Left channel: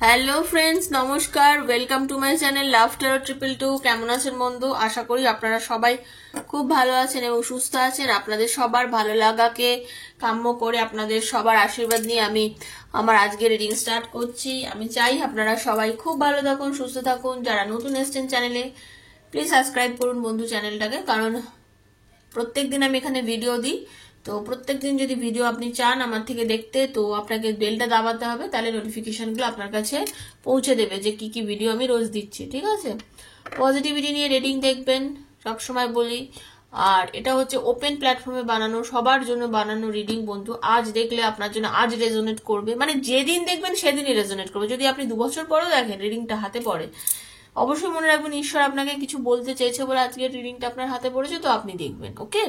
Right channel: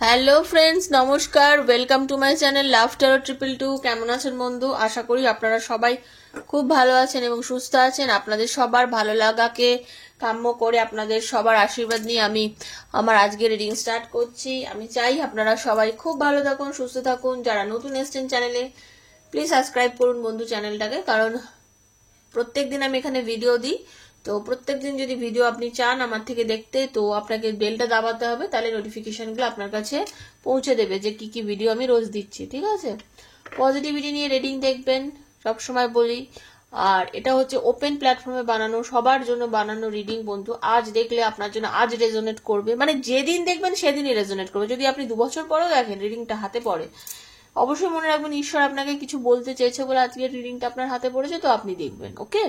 Hello friends, নমস্কার। Welcome to my channel love taro 222। কেমন আছেন বন্ধু? আশা করি আপনারা সবাই খুব ভালো আছেন এবং সুস্থ আছেন। আপনাদের সবার ভালো লাগাকে কাম্য করে আপনাদের সবার আশীর্বাদ নিয়ে আমি আমার আজকের রিডিং স্টার্ট করছি। আমি চাই আপনারা সবাই খুব ভালো থাকুন, সুস্থ থাকুন। যারা নতুন এসেছেন চ্যানেলে, প্লিজ সাবস্ক্রাইব করুন বন্ধু চ্যানেলটাকে, কারণ প্রত্যেকদিন আমি এখানে ভিডিও দিই। তো প্রত্যেকদিন যদি ভিডিও আপনি চান আমার থেকে দেখতে, তো আপনাকে বেলটা দাবাতে হবে, তাহলে নোটিফিকেশনগুলো আপনার কাছে পৌঁছে দেবে যে কি কি ভিডিও আমি রোজ দিচ্ছি। ঠিক আছে? পজিটিভিটি নিয়ে রিডিং দেখবেন, সবসময় বলি। আর এটা হচ্ছে ওপেন প্ল্যাটফর্মে বানানো, সবার জন্য বানানো রিডিং বন্ধু। আজ দেখলে আপনার জন্য আজ রেজোনেট করবে, মানে যেদিন দেখবেন সেদিনই রেজোনেট করবে। যদি আপনি 2 বছর পরেও দেখেন রিডিংটা হাতে পড়ে, অবশ্যই মনে রাখবেন ঈশ্বর আপনাকে কিছু বলতে চেয়েছে বলে আজকের রিডিংটা আপনার হাতে পড়েছে, তো আপনি দেখবেন। ওকে?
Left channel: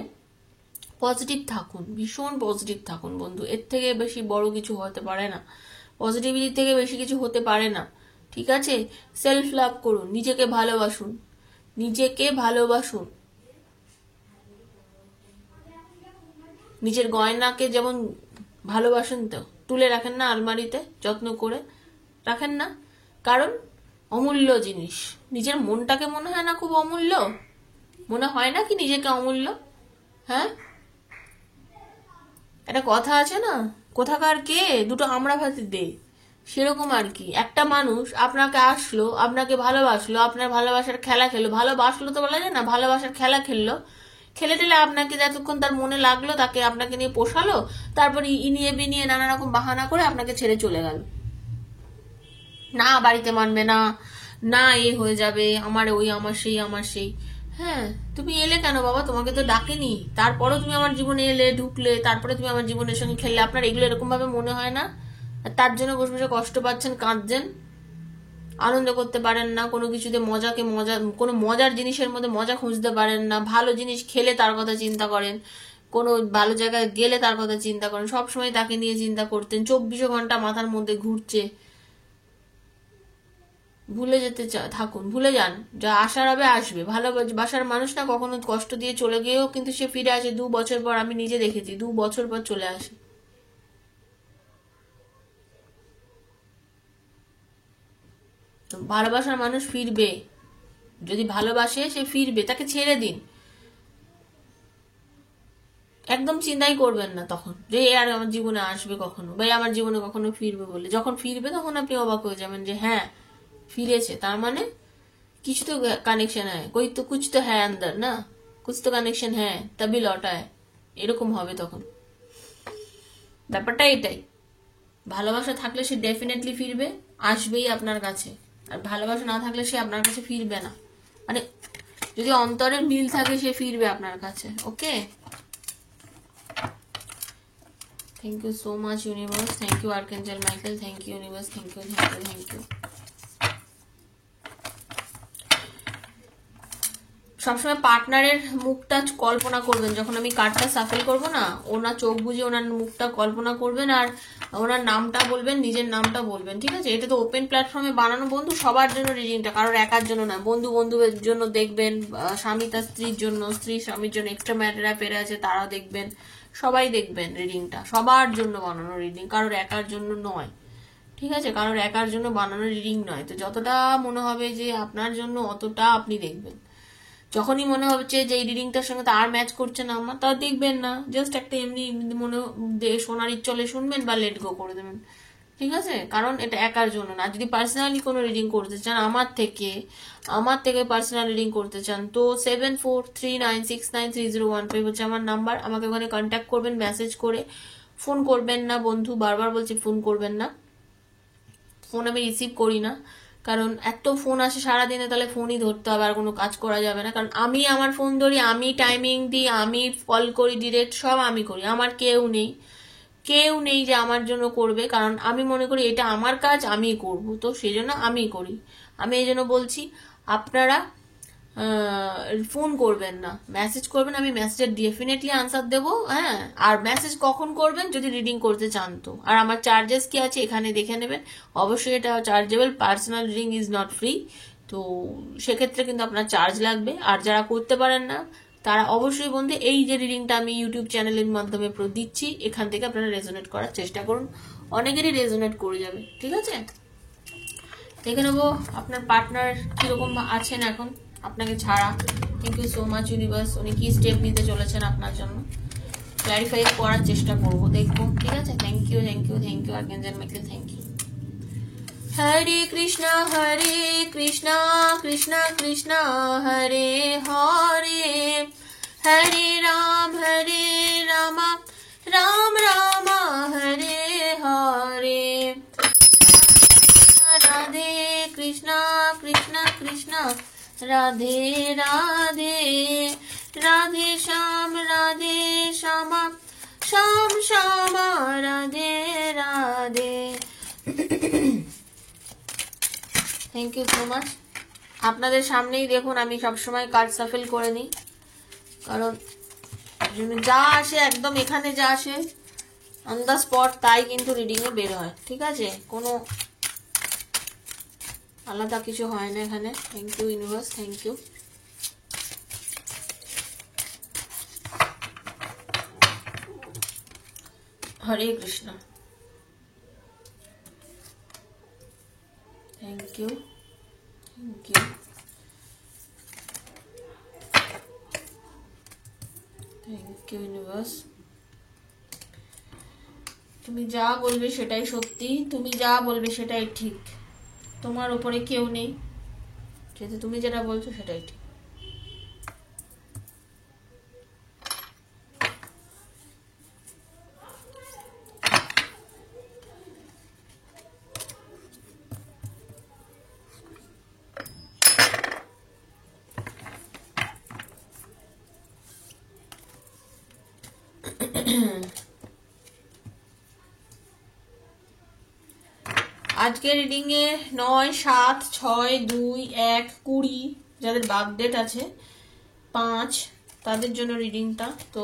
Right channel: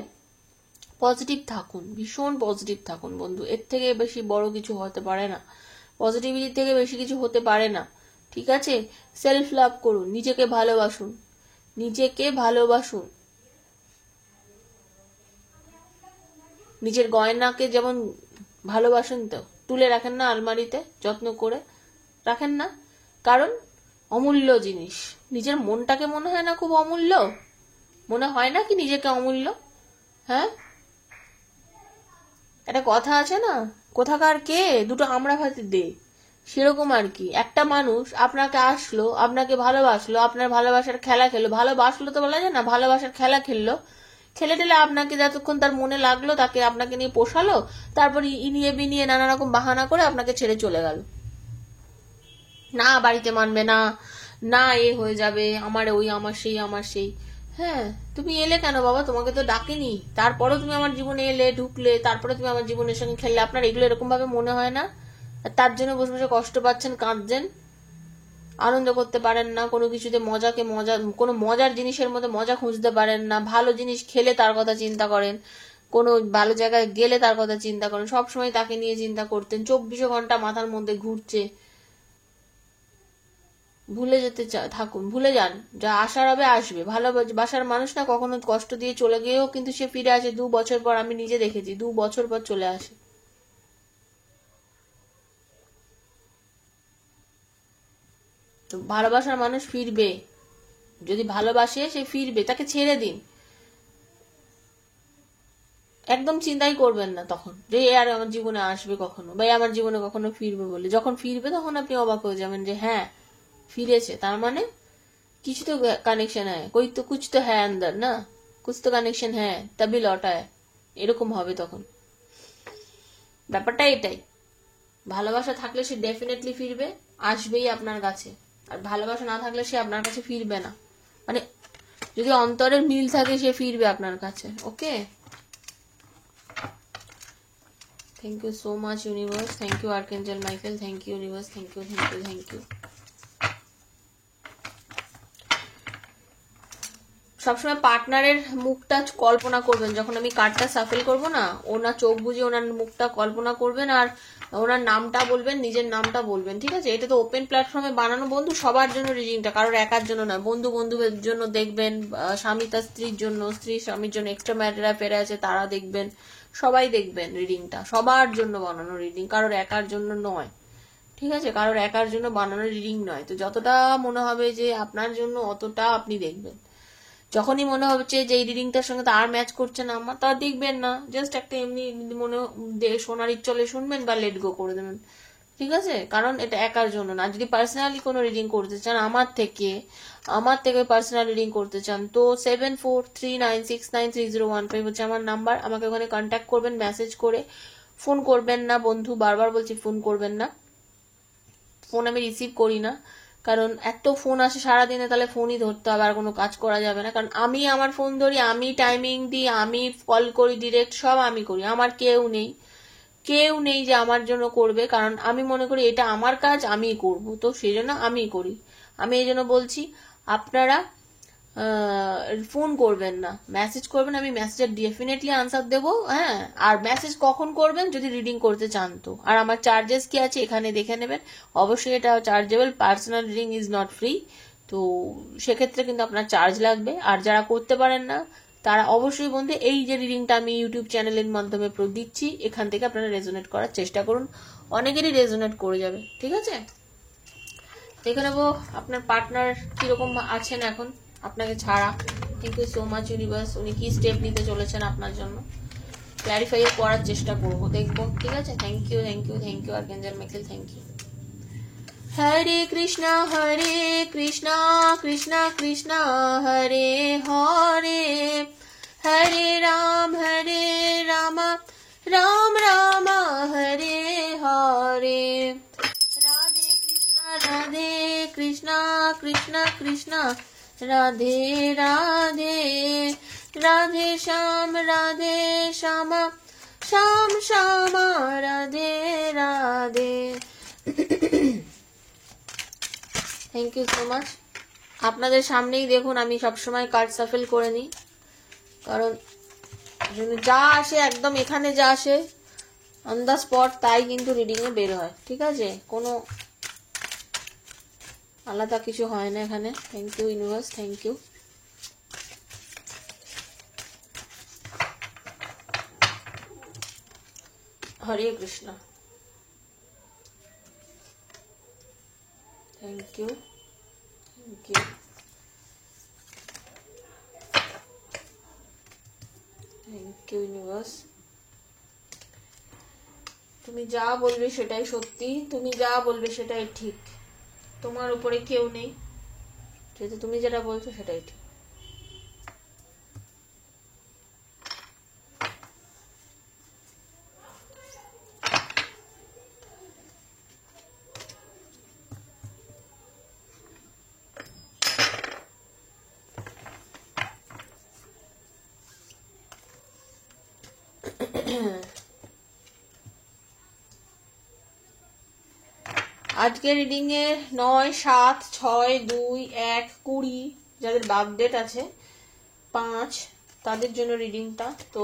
পজিটিভ থাকুন, ভীষণ পজিটিভ থাকুন বন্ধু। এর থেকে বেশি বড় কিছু হতে পারে না, পজিটিভিটি থেকে বেশি কিছু হতে পারে না। ঠিক আছে? সেলফ লাভ করুন, নিজেকে ভালোবাসুন, নিজেকে ভালোবাসুন। নিজের গয়নাকে যেমন ভালোবাসেন, তো তুলে রাখেন না আলমারিতে, যত্ন করে রাখেন না? কারণ অমূল্য জিনিস। নিজের মনটাকে মনে হয় না খুব অমূল্য? মনে হয় না কি নিজেকে অমূল্য? হ্যাঁ, একটা কথা আছে না, কোথাকার কে দুটো আমরা ভাতি দে, সেরকম আর কি। একটা মানুষ আপনাকে আসলো, আপনাকে ভালোবাসলো, আপনার ভালোবাসার খেলা খেলো, ভালোবাসলো তো বলা যায় না, ভালোবাসার খেলা খেললো, খেলে টেলে আপনাকে যতক্ষণ তার মনে লাগলো, তাকে আপনাকে নিয়ে পোষালো, তারপর ইনিয়ে বিনিয়ে নানা রকম বাহানা করে আপনাকে ছেড়ে চলে গেল। না বাড়িতে মানবে না, না এ হয়ে যাবে, আমার ওই, আমার সেই, আমার সেই। হ্যাঁ, তুমি এলে কেন বাবা? তোমাকে তো ডাকেনি, তারপরেও তুমি আমার জীবনে এলে, ঢুকলে, তারপরে তুমি আমার জীবনের সঙ্গে খেললে। আপনার এগুলো এরকম ভাবে মনে হয় না? তার জন্য বসে বসে কষ্ট পাচ্ছেন, কাঁদছেন, আনন্দ করতে পারেন না কোনো কিছুতে, মজাকে মজা, কোনো মজার জিনিসের মধ্যে মজা খুঁজতে পারেন না। ভালো জিনিস খেলে তার কথা চিন্তা করেন, কোনো ভালো জায়গায় গেলে তার কথা চিন্তা করেন, সবসময় তাকে নিয়ে চিন্তা করতেন, 24 ঘন্টা মাথার মধ্যে ঘুরছে। ভুলে যেতে থাকুন, ভুলে যান। যা আসার হবে আসবে। ভালোবাসার মানুষ না কখনো কষ্ট দিয়ে চলে গিয়েও কিন্তু সে ফিরে আসে 2 বছর পর। আমি নিজে দেখেছি, 2 বছর পর চলে আসে। তো ভালোবাসার মানুষ ফিরবে, যদি ভালোবাসে সে ফিরবে, তাকে ছেড়ে দিন। একদম চিন্তাই করবেন না তখন যে এ আর আমার জীবনে আসবে কখনো, বা আমার জীবনে কখনো ফিরবে বলে। যখন ফিরবে তখন আপনি অবাক হয়ে যাবেন যে হ্যাঁ, ফিরেছে, তার মানে কিছু তো কানেকশন হ্যাঁ, कोई तो कुछ तो है अंदर ना, कुछ तो কানেকশন হ্যাঁ, তবে লौटा है, এরকম হবে তখন। ব্যাপারটা এটাই। ভালোবাসা থাকলে সে ডেফিনেটলি ফিরবে, আসবেই আপনার কাছে। আর ভালোবাসা না থাকলে সে আপনার কাছে ফিরবে না। মানে যদি অন্তরের মিল থাকে সে ফিরবে আপনার কাছে। Okay? Thank you so much universe, thank you archangel Michael, thank you universe, thank you, thank you, thank you. সবসময় পার্টনারের মুখটা কল্পনা করবেন। যখন আমি কার্ডটা সাফেল করবো না, ওনার চোখ বুঝে ওনার মুখটা কল্পনা করবেন, আর ওনার নামটা বলবেন, নিজের নামটা বলবেন। ঠিক আছে? এটা তো ওপেন প্ল্যাটফর্মে বানানো বন্ধু, সবার জন্য রিডিংটা, কারোর একার জন্য না। বন্ধু বন্ধুদের জন্য দেখবেন, স্বামী তার স্ত্রীর জন্য, স্ত্রী স্বামীর জন্য, এক্সট্রা ম্যারিড অ্যাফেয়ারে আছে তারা দেখবেন, সবাই দেখবেন। রিডিংটা সবার জন্য বানানো রিডিং, কারোর একার জন্য নয়। ঠিক আছে? কারোর একার জন্য বানানো রিডিং নয়। তো যতটা মনে হবে যে আপনার জন্য, অতটা আপনি দেখবেন। যখনই মনে হচ্ছে যে এই রিডিংটার সঙ্গে তো আর ম্যাচ করছে না আমার, তা দেখবেন না, জাস্ট একটা এমনি মনে শোনার ইচ্ছলে শুনবেন বা লেট গো করে দেবেন। ঠিক আছে? কারণ এটা একার জন্য না। যদি পার্সোনালি কোনো রিডিং করতে চান আমার থেকে পার্সোনাল রিডিং করতে চান, তো 7439693015 হচ্ছে আমার নাম্বার। আমাকে ওখানে কন্ট্যাক্ট করবেন, মেসেজ করে। ফোন করবেন না বন্ধু, বারবার বলছি, ফোন করবেন না। ফোন আমি রিসিভ করি না, কারণ একটাও ফোন আসে সারাদিনে, তাহলে ফোনই ধরতে হবে, আর কোনো কাজ করা যাবে না। কারণ আমি আমার ফোন ধরি, আমি টাইমিং দিই, আমি কল করি, ডিরেক্ট সব আমি করি। আমার কেউ নেই যে আমার জন্য করবে, কারণ আমি মনে করি এটা আমার কাজ, আমিই করব, তো সেই জন্য আমিই করি। আমি এই জন্য বলছি, আপনারা ফোন করবেন না, মেসেজ করবেন। আমি মেসেজের ডেফিনেটলি আনসার দেবো। হ্যাঁ, আর মেসেজ কখন করবেন? যদি রিডিং করতে চান তো। আর আমার চার্জেস কি আছে এখানে দেখে নেবেন। অবশ্যই এটা chargeable, personal reading is not free. তো সেক্ষেত্রে কিন্তু আপনার চার্জ লাগবে। আর যারা করতে পারেন না তারা অবশ্যই বন্ধু, এই যে রিডিংটা আমি ইউটিউব চ্যানেলের মাধ্যমে দিচ্ছি, এখান থেকে আপনারা রেজোনেট করার চেষ্টা করুন। অনেকেরই রেজোনেট করে যাবে। ঠিক আছে? দেখে নেবো আপনার পার্টনার কিরকম আছেন এখন আপনাকে ছাড়া। Thank you so much universe. উনি কি স্টেপ নিতে চলেছেন আপনার জন্য ক্ল্যারিফাই করার চেষ্টা করবো, দেখবো। ঠিক আছে, thank you thank you thank you archangel Michael, thank you. Hare Krishna Krishna Krishna Hare Hare, Hare Ram Ram Ram Hare Hare, Radhe Krishna Krishna Krishna Radhe Radhe, Radhe Shyam Shyam Shyam Radhe Radhe. Thank you so much. আপনাদের সামনেই দেখুন আমি সবসময় কার্ড সাফেল করে নিই, কারণ যা আসে একদম এখানে যা আসে অন দ্য স্পট তাই কিন্তু রিডিং এ বের হয়। ঠিক আছে, কোনো আলাদা কিছু হয় না এখানে। Thank you universe, thank you. Hare Krishna, thank you thank you thank you universe. তুমি যা বলবে সেটাই সত্যি, তুমি যা বলবে সেটাই ঠিক, তোমার উপরে কেউ নেই, যেহেতু তুমি যেটা বলছো সেটাই ঠিক। আজকে রিডিং এ 9, 7, 6, 2, 1, 20 যাদের বার্থ ডেট আছে 5 তাদের জন্য রিডিংটা। তো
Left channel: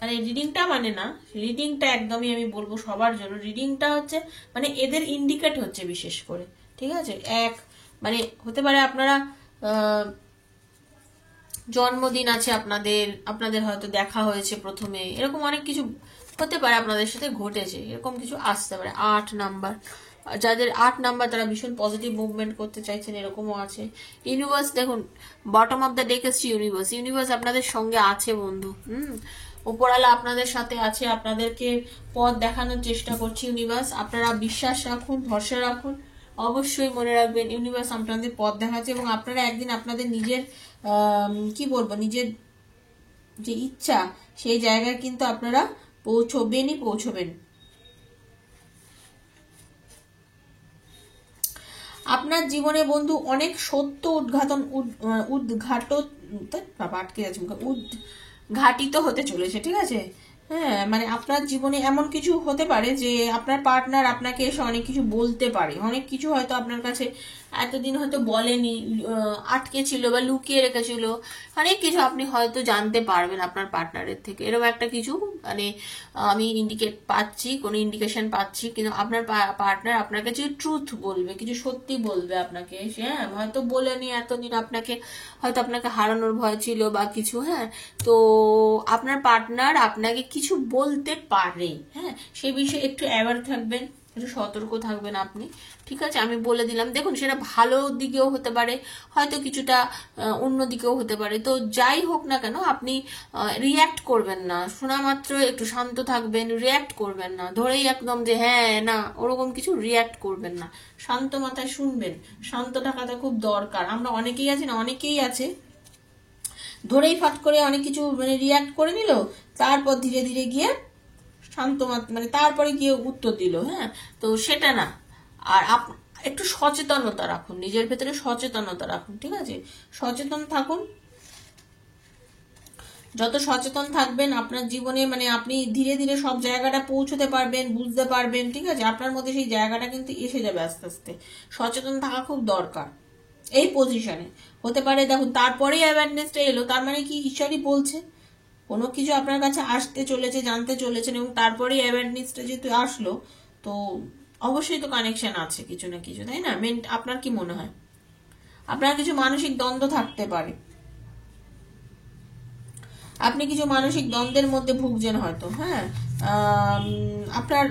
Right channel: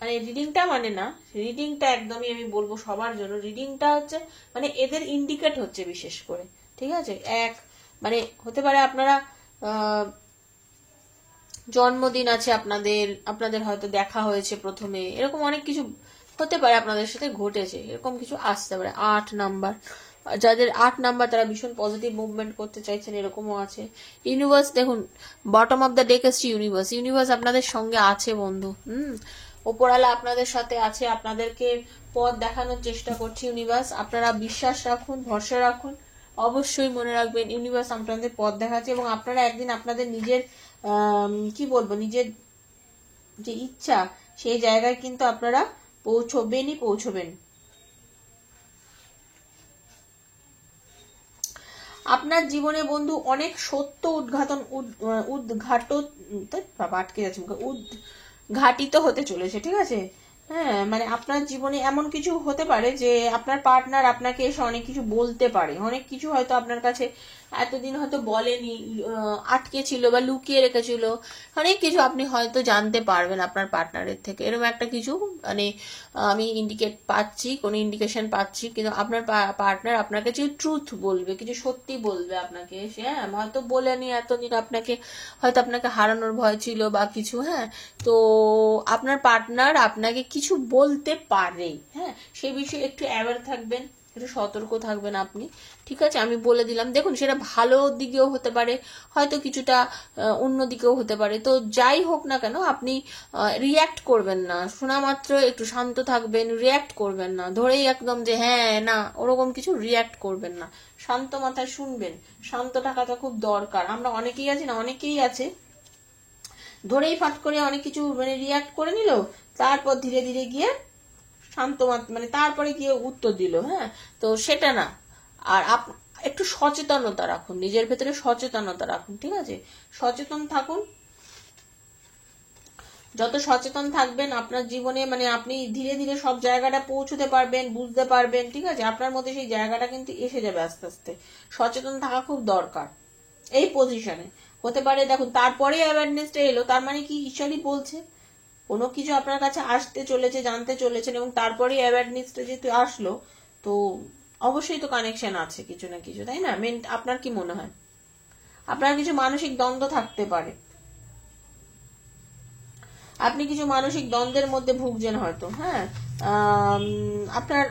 মানে রিডিংটা মানে না, রিডিংটা একদমই আমি বলবো সবার জন্য। রিডিংটা হচ্ছে মানে এদের ইন্ডিকেট হচ্ছে বিশেষ করে। ঠিক আছে, এক মানে হতে পারে আপনারা জন্মদিন আছে আপনাদের হয়তো দেখা হয়েছে প্রথমে, এরকম অনেক কিছু হতে পারে আপনাদের সাথে ঘটেছে, এরকম কিছু আসতে পারে। 8 নাম্বার, যাদের 8 নাম্বার তারা ভীষণ পজিটিভ মুভমেন্ট করতে চাইছেন, এরকমও আছে। ইউনিভার্স দেখুন, বটম অফ দ্য ডেক এসছে ইউনিভার্স। ইউনিভার্স আপনাদের সঙ্গে আছে বন্ধু। ওপরওয়ালা আপনাদের সাথে আছে, আপনাদেরকে পথ দেখানোর চেষ্টা করছে ইউনিভার্স। আপনারা বিশ্বাস রাখুন, ভরসা রাখুন, অবশ্যই মনে রাখবেন ইউনিভার্স আপনাদের পথ দেখাচ্ছে, এবং আপনারা একদিন আপনাদের নিজের কি বলবো, নিজের যে ইচ্ছা সেই জায়গায় কিন্তু আপনারা পৌঁছবেন। আপনার জীবনে বন্ধু অনেক সত্য উদ্ঘাটিত হতে চলেছে। ঠিক আছে, হ্যাঁ মানে আপনার জীবনে এমন কিছু হতে পারে যে আপনার পার্টনার আপনাকে এসে অনেক কিছু বলতে পারে, অনেক কিছু হয়তো আপনার কাছে এতদিন হয়তো বলেনি, আটকে ছিল বা লুকিয়ে রেখেছিল, অনেক কিছু আপনি হয়তো জানতে পারবেন আপনার পার্টনারের থেকে। এরকম একটা কিছু মানে আমি কোনো ইন্ডিকেশন পাচ্ছি, কিন্তু আপনার পার্টনার আপনার কাছে ট্রুথ বলবে, কিছু সত্যি বলবে আপনাকে। হ্যাঁ হয়তো বলেনি এতদিন, আপনাকে হারানোর ভয় ছিল বা কিছু। হ্যাঁ, তো আপনার পার্টনার আপনাকে কিছু বলতে পারে। হ্যাঁ, সেই বিষয়ে একটু অ্যাওয়ার থাকবেন, একটু সতর্ক থাকবেন আপনি। ঠিক আছে, আমি বলে দিলাম। দেখুন, সেটা ভালো দিকেও হতে পারে, হয়তো কিছুটা অন্য দিকেও হতে পারে। তো যাই হোক না কেন, আপনি রিয়্যাক্ট করবেন না, শোনা মাত্র একটু শান্ত থাকবেন, রিয়্যাক্ট করবেন না ধরেই একদম যে হ্যাঁ না, ওরকম কিছু রিয়্যাক্ট করবেন না, শান্ত মাথায় শুনবেন। শান্ত থাকাটা খুব দরকার। আমরা অনেকেই আছে ধরেই ফাট করে অনেক কিছু মানে রিয়্যাক্ট করে নিল, তারপর ধীরে ধীরে গিয়ে শান্ত মানে তারপরে গিয়ে উত্তর দিল। হ্যাঁ, তো সেটা না। আর একটু সচেতনতা রাখুন, নিজের ভেতরে সচেতনতা রাখুন। ঠিক আছে, সচেতন থাকুন। যত সচেতন থাকবেন আপনার জীবনে, মানে আপনি ধীরে ধীরে সব জায়গাটা পৌঁছতে পারবেন, বুঝতে পারবেন। ঠিক আছে, আপনার মধ্যে সেই জায়গাটা কিন্তু এসে যাবে আস্তে আস্তে। সচেতন থাকা খুব দরকার এই পজিশনে। হতে পারে দেখুন, তারপরে অ্যাওয়ারনেসটা এলো, তার মানে কি ঈশ্বরই বলছে কোনো কিছু আপনার কাছে আসতে চলেছে, জানতে চলেছেন, এবং তারপরে অ্যাওয়ারনেসটা যেহেতু আসলো, তো অবশ্যই তো কানেকশন আছে কিছু না কিছু, তাই না? আপনার কি মনে হয়? আপনার কিছু মানসিক দ্বন্দ্ব থাকতে পারে, আপনি কিছু মানসিক দ্বন্দ্বের মধ্যে ভুগছেন হয়তো। হ্যাঁ, আপনার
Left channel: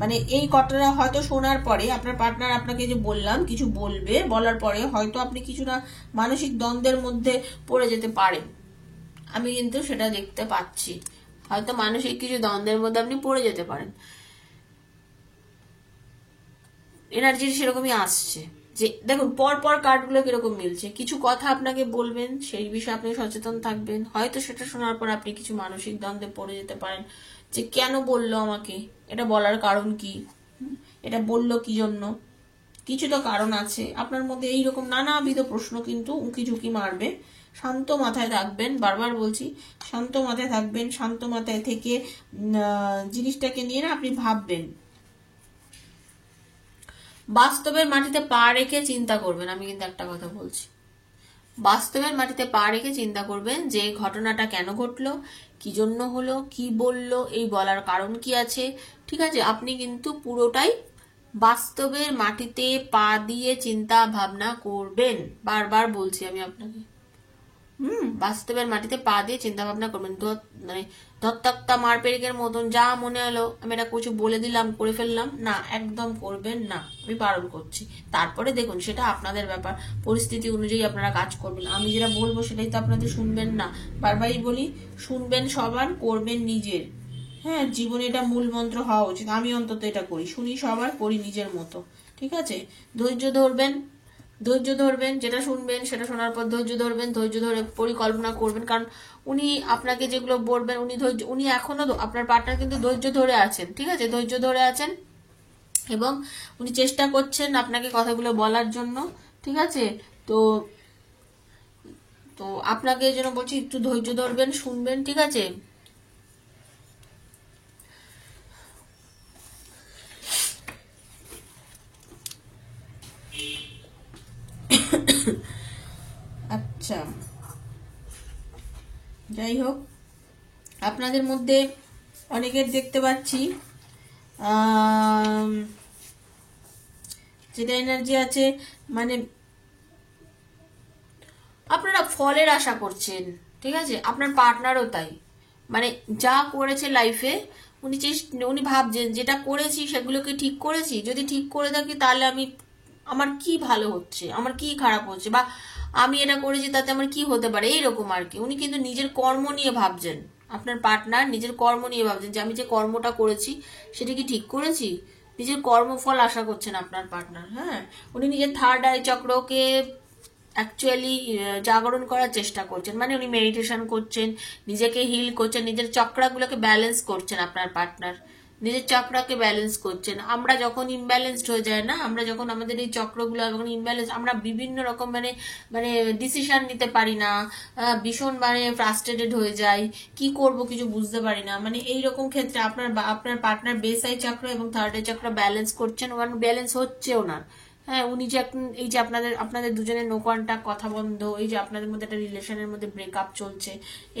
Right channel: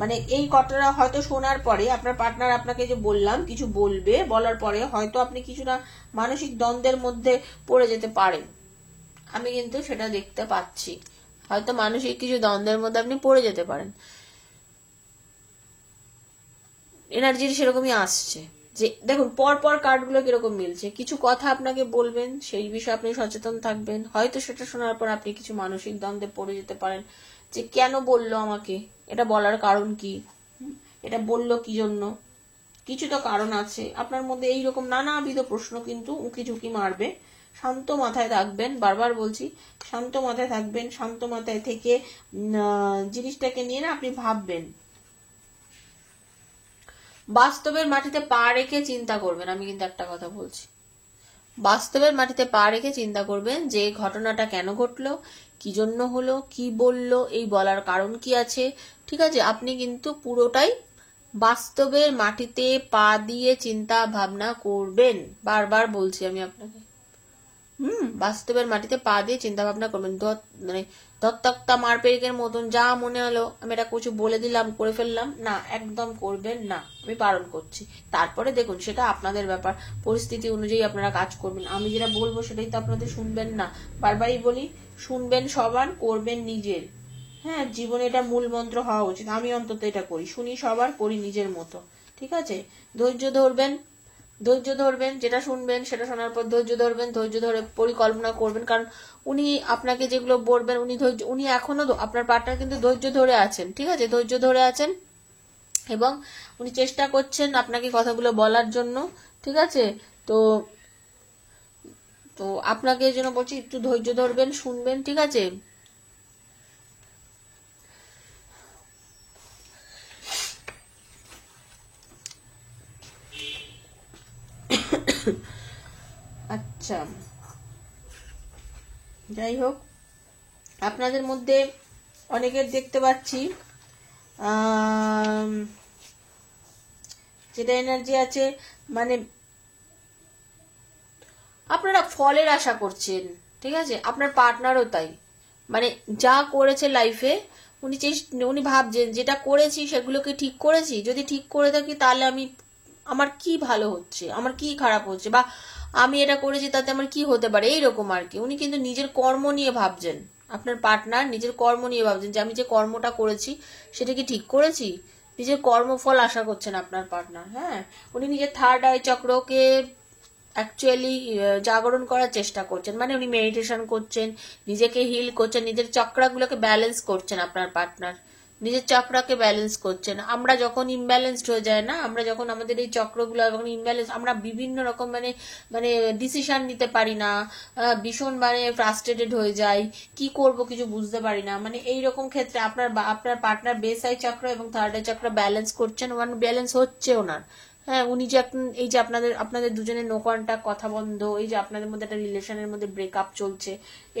মানে এই কথাটা হয়তো শোনার পরে আপনার পার্টনার আপনাকে যে বললাম কিছু বলবে, বলার পরে হয়তো আপনি কিছুটা মানসিক দ্বন্দ্বের মধ্যে পড়ে যেতে পারেন। আমি কিন্তু সেটা দেখতে পাচ্ছি, হয়তো মানসিক কিছু দ্বন্দ্বের মধ্যে আপনি পড়ে যেতে পারেন। এনার্জি সেরকমই আসছে যে দেখুন পর পর কার্ডগুলো কিরকম মিলছে। কিছু কথা আপনাকে বলবেন, সেই বিষয়ে আপনি সচেতন থাকবেন। হয়তো সেটা শোনার পর আপনি কিছু মানসিক দ্বন্দ্বে পড়ে যেতে পারেন যে কেন বললো আমাকে, এটা বলার কারণ কি, এটা বললো কি জন্য, কিছু তো কারণ আছে। আপনার মধ্যে এইরকম নানাবিধ প্রশ্ন কিন্তু উঁকি ঝুঁকি মারবে। শান্ত মাথায় থাকবেন, বারবার বলছি শান্ত মাথায় থাকবেন। শান্ত মাথায় থেকে জিনিসটাকে নিয়ে না আপনি ভাববেন, বাস্তবের মাটিতে পা রেখে চিন্তা করবেন। আমি কিন্তু একটা কথা বলছি, বাস্তবের মাটিতে পা রেখে চিন্তা করবেন যে ঘটনাটা কেন ঘটলো, কি জন্য হলো, কি বললো, এই বলার কারণ কি আছে। ঠিক আছে, আপনি কিন্তু পুরোটাই বাস্তবের মাটিতে পা দিয়ে চিন্তা ভাবনা করবেন। বারবার বলছি আমি আপনাকে, বাস্তবের মাটিতে পা দিয়ে চিন্তা ভাবনা করবেন। মানে দত্তকতা মারপেরিকের মতন যা মনে হলো আমি এটা কিছু বলে দিলাম, করে ফেললাম, না, একদম করবেন না, আমি বারণ করছি। তারপরে দেখুন সেটা আপনাদের ব্যাপার, পরিস্থিতি অনুযায়ী আপনারা কাজ করবেন। আমি যেটা বলবো সেটাই তো আপনাদের শুনবেন না। বারবারই বলি, শুনবেন সবার, করবেন নিজের। হ্যাঁ, জীবনে এটা মূল মন্ত্র হওয়া উচিত। আমি অন্তত এটা করি, শুনি সবার, করি নিজের মতো। ঠিক আছে, ধৈর্য ধরবেন, ধৈর্য ধরবেন, যেটা শুনবেন সেটা শোনার পর ধৈর্য ধরবেন, ধৈর্য ধরে পরিকল্পনা করবেন। কারণ উনি আপনাকে যেগুলো বলবেন, উনি এখনো আপনার পার্টনার কিন্তু ধৈর্য ধরে আছেন। ঠিক আছে, ধৈর্য ধরে আছেন এবং উনি চেষ্টা করছেন আপনাকে কথাগুলো বলার জন্য। ঠিক আছে, তো তো আপনাকে এই জন্য বলছি একটু ধৈর্য ধরবেন, শুনবেন। ঠিক আছে, আচ্ছা, যাই হোক, আপনাদের মধ্যে অনেকের দেখতে পাচ্ছি যেটা এনার্জি আছে, মানে আপনারা ফলের আশা করছেন। ঠিক আছে, আপনার পার্টনারও তাই, মানে যা করেছে লাইফে উনি ভাবছেন যেটা করেছি সেগুলোকে ঠিক করেছি, যদি ঠিক করে থাকি তাহলে আমার কি ভালো হচ্ছে, আমার কি খারাপ হচ্ছে, বা আমি এটা করেছি তাতে আমার কি হতে পারে, এইরকম আর কি। উনি কিন্তু নিজের কর্ম নিয়ে ভাবছেন, আপনার পার্টনার নিজের কর্ম নিয়ে ভাবছেন যে আমি যে কর্মটা করেছি সেটা কি ঠিক করেছি, নিজের কর্মফল আশা করছেন আপনার পার্টনার। হ্যাঁ, উনি নিজের থার্ড আই চক্রকে অ্যাকচুয়ালি জাগরণ করার চেষ্টা করছেন, মানে উনি মেডিটেশন করছেন, নিজেকে হিল করছেন, নিজের চক্রাগুলোকে ব্যালেন্স করছেন। আপনার পার্টনার নিজের চক্রাকে ব্যালেন্স করছেন। আমরা যখন ইমব্যালেন্সড হয়ে যায় না, আমরা যখন আমাদের এই চক্রগুলো যখন ইমব্যালেন্স, আমরা বিভিন্ন রকম মানে মানে ডিসিশন নিতে পারি না, ভীষণ মানে ফ্রাস্ট্রেটেড হয়ে যাই, কি করব কিছু বুঝতে পারি না। মানে এইরকম ক্ষেত্রে আপনার পার্টনার বেস আই চক্র এবং থার্ড আই চক্র ব্যালেন্স করছেন, ব্যালেন্স হচ্ছে ওনার। হ্যাঁ, উনি যে এই যে আপনাদের দুজনের নো কন্টাক্ট, কথা বন্ধ, এই যে আপনাদের মধ্যে একটা রিলেশনের মধ্যে ব্রেকআপ চলছে,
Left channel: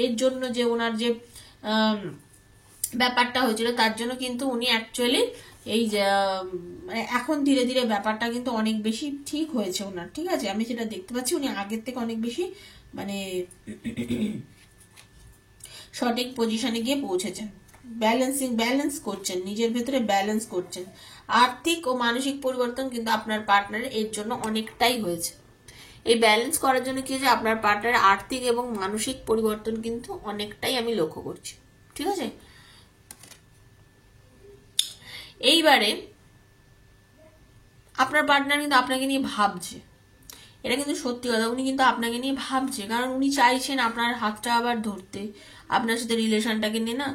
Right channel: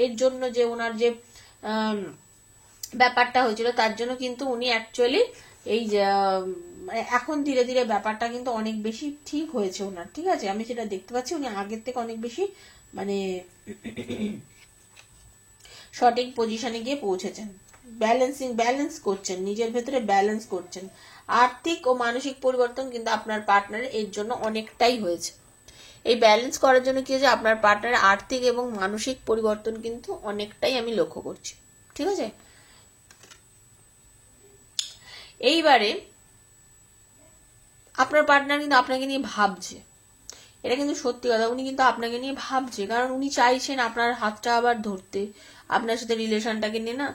এর জন্য যে ওনার যে ব্যাপারটা হয়েছিল তার জন্য কিন্তু উনি অ্যাকচুয়ালি এই যে মানে এখন ধীরে ধীরে ব্যাপারটা কিন্তু অনেক বেশি ঠিক হয়েছে ওনার। ঠিক আছে, আমি যেটা দেখতে পাচ্ছি উনি আগের থেকে অনেক বেশি মানে সঠিক পজিশনে গিয়ে পৌঁছেছেন, ব্যালেন্স করছেন, নিজের ভেতরে ব্যালেন্স করছেন। আর্থিক ও মানসিক পরিবর্তন কিন্তু আপনার পার্টনারের এর জন্য অনেকটাই হয়েছে। এই ব্যালেন্স করার জন্য কি হয়েছে, আপনার পার্টনারের আর্থিক এবং মানসিক পরিবর্তন কিন্তু অনেকটাই আমি লক্ষ্য করছি। ঠিক আছে, এইবারে আপনার পার্টনার কিন্তু আপনাকে নিয়ে ভাবছে, এটা কিন্তু সত্যি কথা, উনি কিন্তু আপনাকে নিয়ে ভাবছে, কারণ উনি চাইছেন আপনার হাতটা আবার ধরতে, আপনার সাথে রিলেশনটাকে নিয়ে না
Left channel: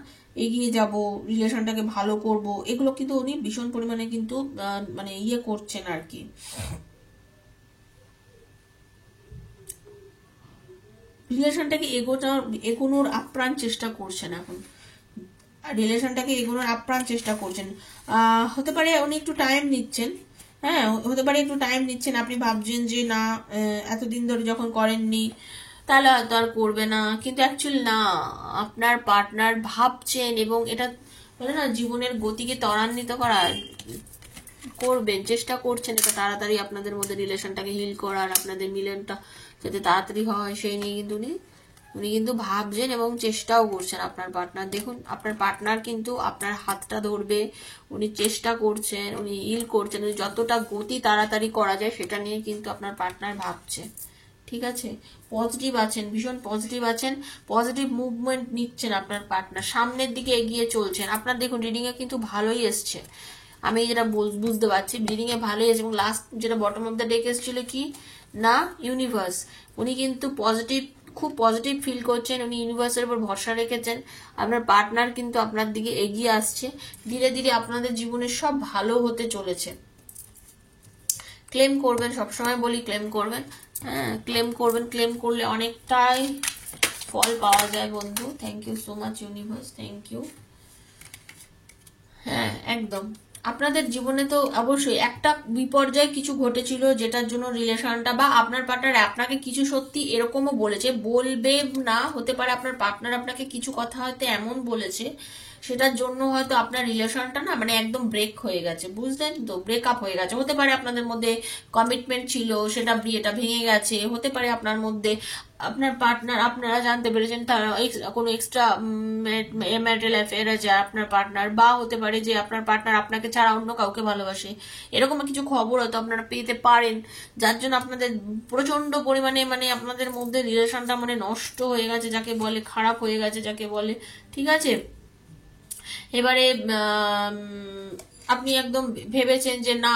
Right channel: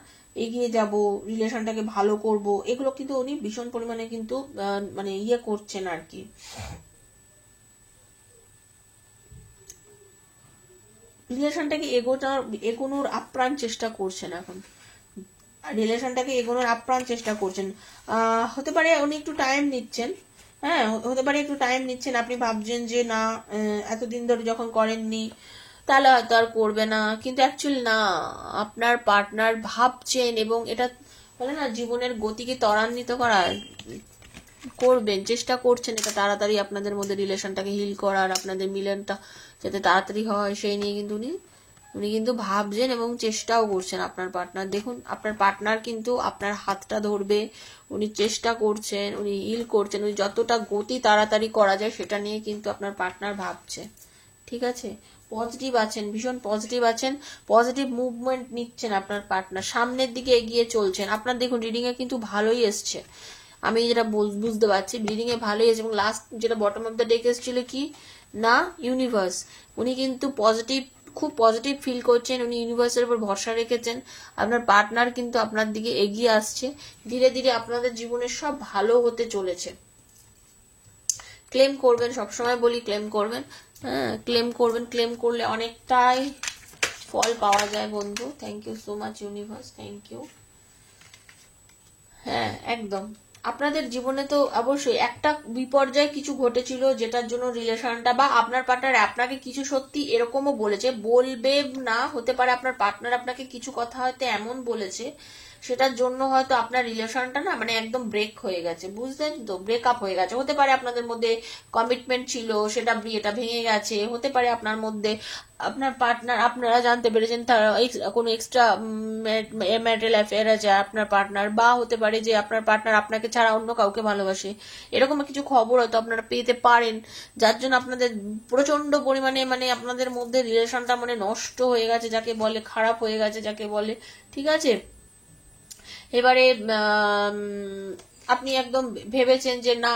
এগিয়ে যাব, রিলেশনটাকে ভালো করব, এগুলো কিন্তু উনি ভীষণ পরিমাণে কিন্তু মানে ইয়ে করছেন আর কি, রিলেশনটাকে এগোনোর আপ্রাণ চেষ্টা করছেন এখন, রিলেশনটাকে এগোনোর আপ্রাণ চেষ্টা করছেন। হতে পারে উনি একটু টাইম নিচ্ছেন। হ্যাঁ, হতে পারে একটু টাইম নিচ্ছেন, আপনি ভাবছেন যে না এতদিন ধরে যখন করেননি তাহলে হয়তো আর করবে না, কিন্তু অ্যাকচুয়ালি না, আপনার পার্টনার ভাবছেন এবং এটা বলে না জীবনের গতিকে ত্বরান্বিত করার করবেন, চেষ্টা করছেন এটা তাড়াতাড়ি আপনাদের মধ্যে রিলেশনটাকে হিল করার, আপনাদের মিলনটা যাতে তাড়াতাড়ি হয় সেই নিয়ে কিন্তু উনি উনি কিন্তু ভাবছেন এবং চেষ্টাও করছেন আপনার পার্টনার। দেখুন আপনার পার্টনার কিন্তু আপনার হাতটা ধরবে, উনি চেষ্টা করছেন, উনি হিল করছেন, উনি যতটা গতি তাড়াতাড়ি করা যায় সেটা নিয়ে কিন্তু আপনার পার্টনার ভাবছে। ঠিক আছে, পজিটিভ আছেন, ভীষণ পজিটিভ আছেন, পজিটিভ মুভমেন্ট নিচ্ছেন আপনার পার্টনার, সামনের দিকে এগিয়ে চলছেন। আপনার দেখুন রিডিং এ কিন্তু ভালোই এসছে, আমি যেটা বুঝতে পারছি রিডিং এ ভালোই এসছে। এবং লাস্ট যেটা বটম অফ দ্য ডেক এসেছিল কি না, ইউনিভার্স। উনি কিন্তু পজিটিভ, খুব পজিটিভ ফিল করছেন, উনি ইউনিভার্সের উপর ভরসা রেখেছেন। আপনার পার্টনার কিন্তু আপনার দিকে এগিয়ে আসছে, ধীরে ধীরে আপনাদের জীবনে সব ভালো হতে চলেছে। ক্লেম করবেন, সবসময় বলি ক্লেম করবেন, হ্যাঁ ক্লেম করবেন, ক্লেম করলে অনেকটাই ফল পাওয়া যায় বন্ধু। Thank you so much universe, thank you. হ্যাঁ একদম, আপনাদের জীবনে তো অবশ্যই একটা বিপর্যয় কিছু ঘটেছিল যেটার জন্য রিলেশনটা বা আপনার পার্টনার আপনাকে কিছু সত্যি এরকমও বলেছে, বলবে না, হতে পারে আপনার পার্টনার আপনাকে কিছু কথা হয়তো এমন বলেছে সেটার জন্য হয়তো আপনার রিলেশনটা না মানে একদম ব্রেক হয়ে গেছে, বুঝলেন তো, ব্রেকআপ হয়ে গেছে। হতে পারে আপনাদের মধ্যে কমিটমেন্ট ছিল, সেটা বিয়েটা ভেঙে গেছে, হতে পারে আপনার মধ্যে আপনার পার্টনার, আপনারা জানতে পেরেছেন তার কোনো এক্সট্রা ম্যারিটাল অ্যাফেয়ার আছে আপনার পার্টনার, বা হতে পারে যে আপনার পার্টনার আপনাকে ছাড়া অন্য কাউকে ভালোবাসে, এরকম কিছু খবর হয়তো আপনারা পেতে পারেন, যার জন্য আপনাদের প্রচন্ড পরিমাণে মানে আপনাদের মধ্যে রিলেশনটা মানে নষ্ট হয়ে গেছে, যাকে বলে খারাপ হয়ে গেছে যাকে বলে। ঠিক আছে, এবারে আপনি একদম ভেবেছেন যে না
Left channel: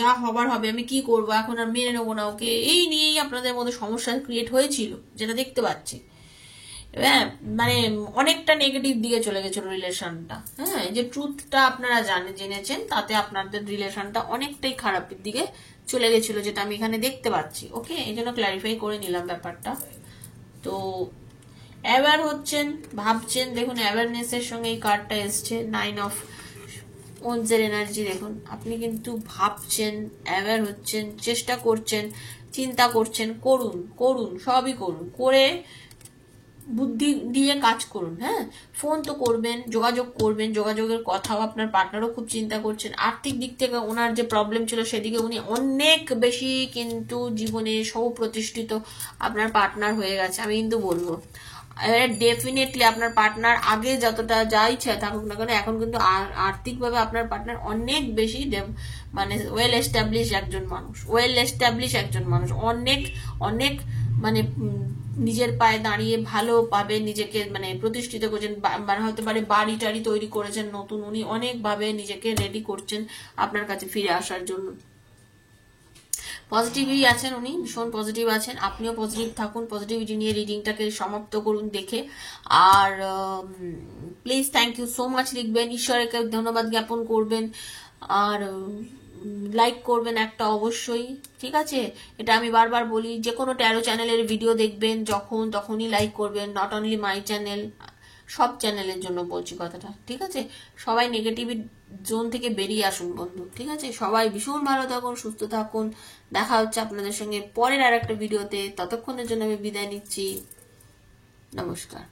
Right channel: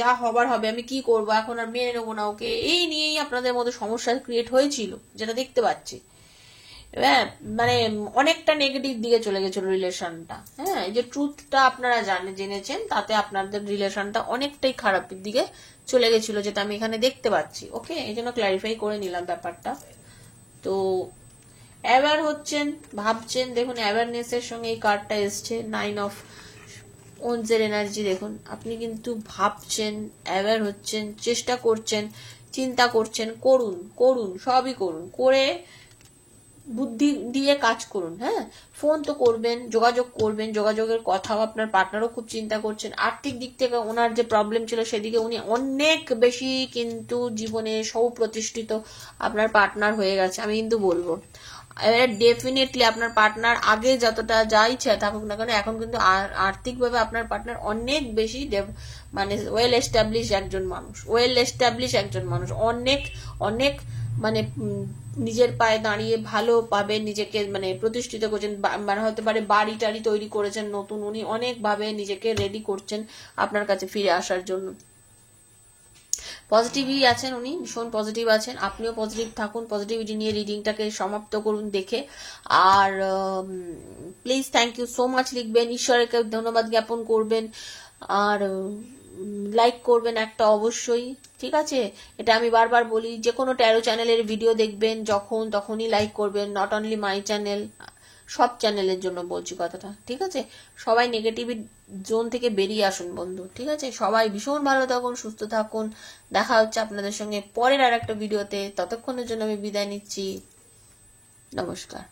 যা হবার হবে, আমি কি করবো এখন, আর মেনে নেবো না ওকে, এই নিয়েই আপনাদের মধ্যে সমস্যা ক্রিয়েট হয়েছিল যেটা দেখতে পাচ্ছি। হ্যাঁ মানে অনেকটা নেগেটিভ দিকে চলে গেছিল রিলেশনটা। হ্যাঁ এই যে ট্রুথটা আপনারা জেনেছেন তাতে আপনাদের রিলেশনটা অনেকটাই খারাপের দিকে চলে গেছিল, যেটা আমি এখানে দেখতে পাচ্ছি। ওকে, এই জন্য ক্ল্যারিফাই করে নিলাম ব্যাপারটা। তো অ্যাওয়ার হচ্ছেন, ভাবছেন, দেখুন অ্যাওয়ারনেস এর সঙ্গে এই কার্ডটা এসছে, 9 অফ ওয়ান্ডস এর এনার্জি। দেখুন আপনি কিন্তু ভাবছেন, অ্যাওয়ার হচ্ছেন, চেষ্টা করছেন, চিন্তা করছেন, করুন করুন সবই করুন, করে বুদ্ধি দিয়ে কাজ করুন। হ্যাঁ ফোন তো করবেন, যোগাযোগ করবেন, যোগাযোগের কথাও আপনার পার্টনারও খুব চিন্তা করছেন। আর্থিক দিক থেকে ওনার যে প্রবলেম ছিল সেদিকে উনি অনেক বেশি কিন্তু জীবনে সুপ্রতিষ্ঠিত আপনার পার্টনার হয়ে গেছে, আমি কিন্তু বলবো। এবারে ডেফিনেটলি আপনার পার্টনার আগে যতটা যা ইচ্ছা থাকুক না কেন, এখন কিন্তু আর্থিকভাবে আপনার পার্টনার অনেক বেশি মানে ওয়েল এস্টাবলিশ একজন মানুষ, অনেক অনেক মানে নিজের পায়ে দাঁড়িয়ে ভালো পাবে, নিজেকে মানে প্রতিষ্ঠিত করছেন, মানে হতে পারে বাড়ি টাড়ি তৈরি করেছেন নতুন, উনি অনেকভাবে নিজেকে রেডি করছেন আপনার কাছে ফিরে আসার জন্য। পজিটিভই আছেন উনি, ভীষণ পজিটিভ আছেন, আপনিও পজিটিভ থাকুন, পজিটিভিটি নিয়ে রিডিংটাকে সমাপ্ত করুন দেখে। আর please thank you so much লিখবেন, ঈশ্বরকে ধন্যবাদ জ্ঞাপন করবেন, আর লাইক করবেন একটা অবশ্যই। ঠিক আছে, এটা আমি বারবার বলি, যে কোনো ট্যারো চ্যানেলের ভিডিও দেখবেন যখন তখনই লাইক করবেন, নট অনলি মাই চ্যানেল, সব চ্যানেলের জন্য বলছি কথাটা। ঠিক আছে, সবাই নেগেটিভ জোন থেকে বেরিয়ে আসুন বন্ধু। ঠিক আছে, সবাই ভীষণ ভালো থাকুন, সুস্থ থাকুন, দেখা হচ্ছে আপনাদের সঙ্গে পরের আর একটা ভিডিওতে। ততক্ষণের জন্য আমি বিদায় নিচ্ছি, নমস্কার।